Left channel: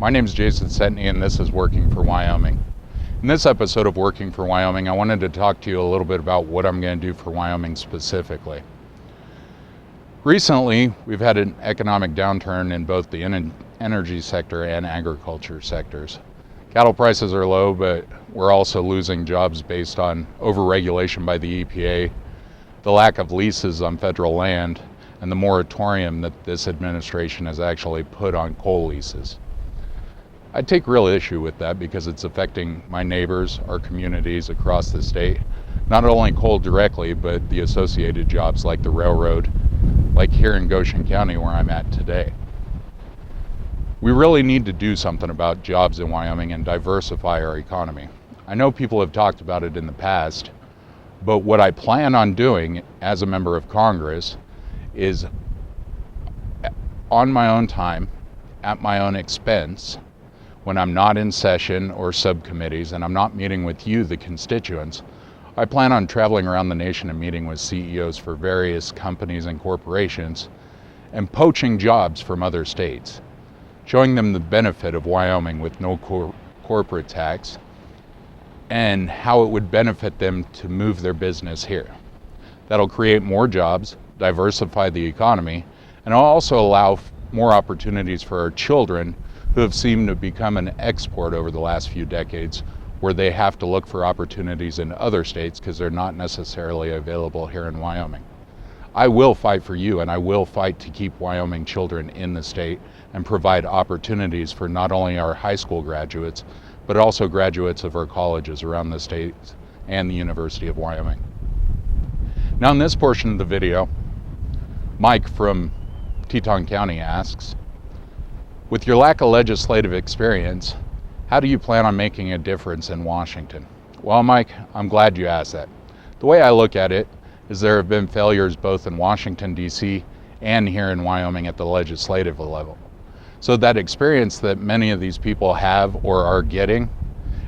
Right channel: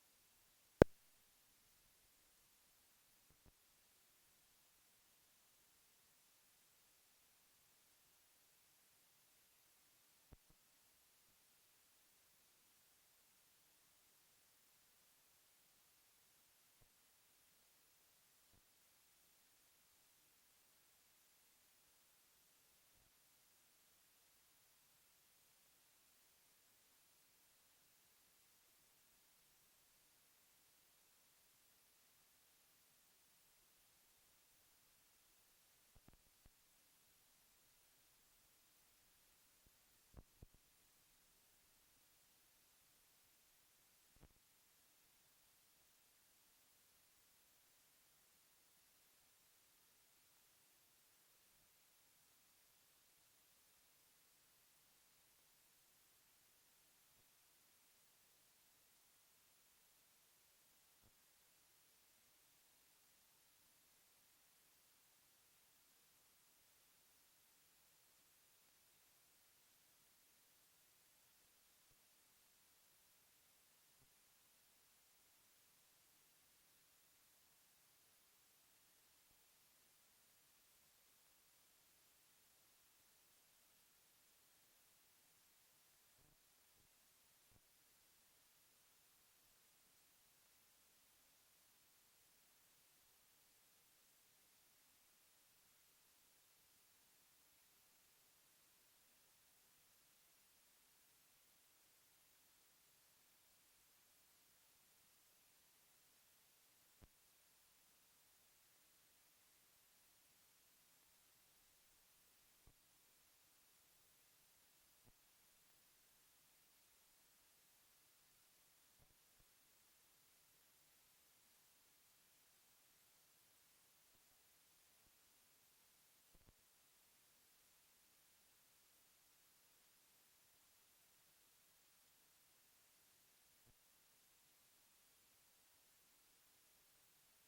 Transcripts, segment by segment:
My name is Jason Setney, and this is Working for Wyoming. In this episode of Working for Wyoming, I wanted to talk to you a little bit about what I'm going to do for Wyoming specifically. Recently, we've had an economic downturn in both the energy sector and agriculture sectors. Cattle prices are low, but we're also losing jobs based on overregulation by the EPA, the lack of leases on federal land, and the moratorium that this administration has actually put on coal leases. I take real issue with that because it's affecting my neighbors, our communities across the state, not only coal directly, but the associated jobs like the railroad, like here in Goshen County where I'm at today. We really need to do something about jobs in Wyoming and diversify our economy. I know people have talked about it in the past, but what I plan on doing as a member of Congress is on my own time, at my own expense, when I'm not in session or subcommittees and I'm not meeting with you, the constituents, I plan on traveling around the nation and meeting with CEOs for various companies and corporations and poaching jobs from other states, showing them the benefit of Wyoming with no corporate tax and how it would benefit them to move their business here. That'll create more jobs, diversify the economy, and also allow more opportunities for our children who have seemed to become an export over the last few decades, where they have to look for opportunities in other states because they're not necessarily available here in Wyoming. I will fight for you, and I will fight to keep Wyoming children in the state and provide opportunities for not only our high school graduates, but also graduates of our colleges around the state and the University of Wyoming. Now in this portion of the video, Mike from Teton County asks, with your lack of legislative experience, how do you plan on making a difference in Washington? Well, Mike, I'm glad you asked that. The way I look at it is there have been failures both in Washington, D.C. and here in Wyoming at the legislative level. So that experience that many of these people have or are getting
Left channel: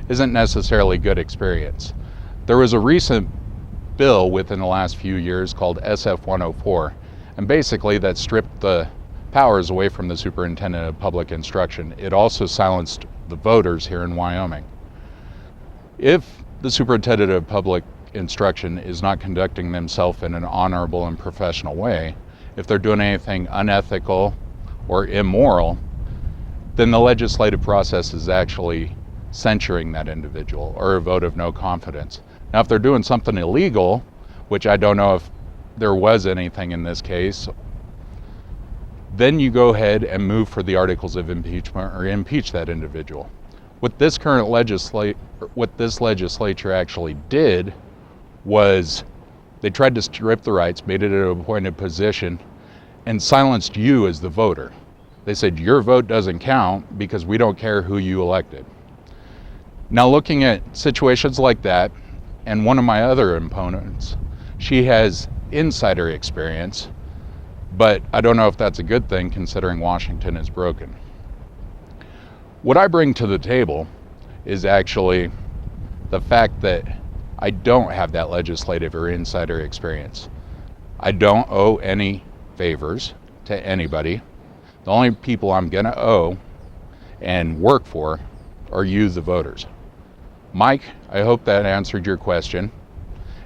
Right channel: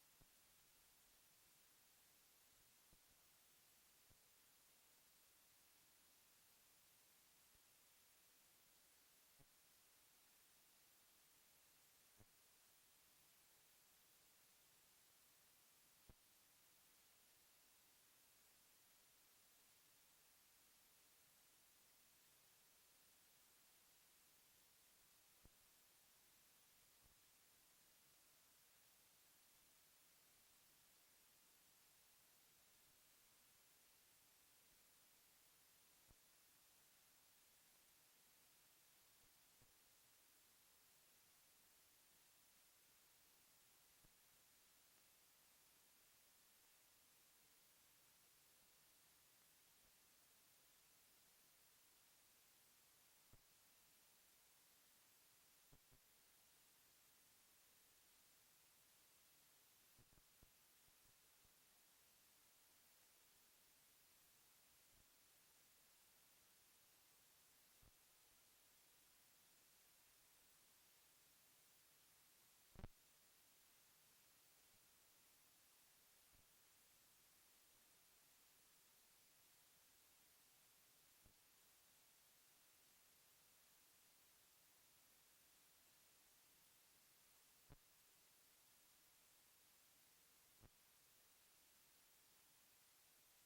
isn't necessarily good experience. There was a recent bill within the last few years called SF 104, and basically that stripped the powers away from the superintendent of public instruction. It also silenced the voters here in Wyoming. If the superintendent of public instruction is not conducting themselves in an honorable and professional way, if they're doing anything unethical or immoral, then the legislative process is actually censuring that individual or a vote of no confidence. Now, if they're doing something illegal, which I don't know if there was anything in this case, then you go ahead and move for the articles of impeachment or impeach that individual. What this legislature actually did was they tried to strip the rights, made it an appointed position, and silenced you as the voter. They said your vote doesn't count because we don't care who you elected. Now looking at situations like that, and one of my other opponents, she has insider experience, but I don't know if that's a good thing considering Washington is broken. What I bring to the table is actually the fact that I don't have that legislative or insider experience. I don't owe any favors to anybody. The only people I'm gonna owe and work for are you, the voters. Mike, I hope that answered your question.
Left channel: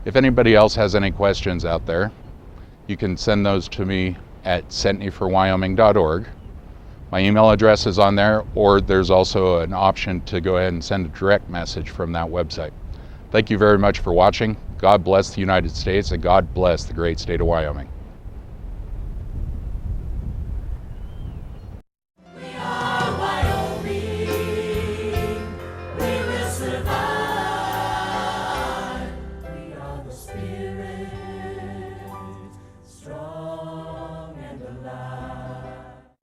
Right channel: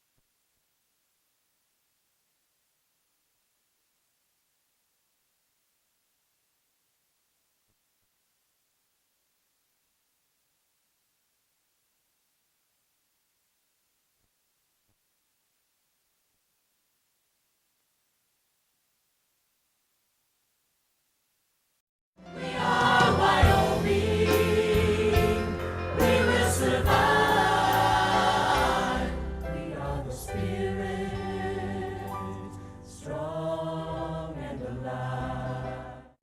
If anybody else has any questions out there, you can send those to me at setneyforwyoming.org. My email address is on there, or there's also an option to go ahead and send a direct message from that website. Thank you very much for watching. God bless the United States, and God bless the great state of Wyoming.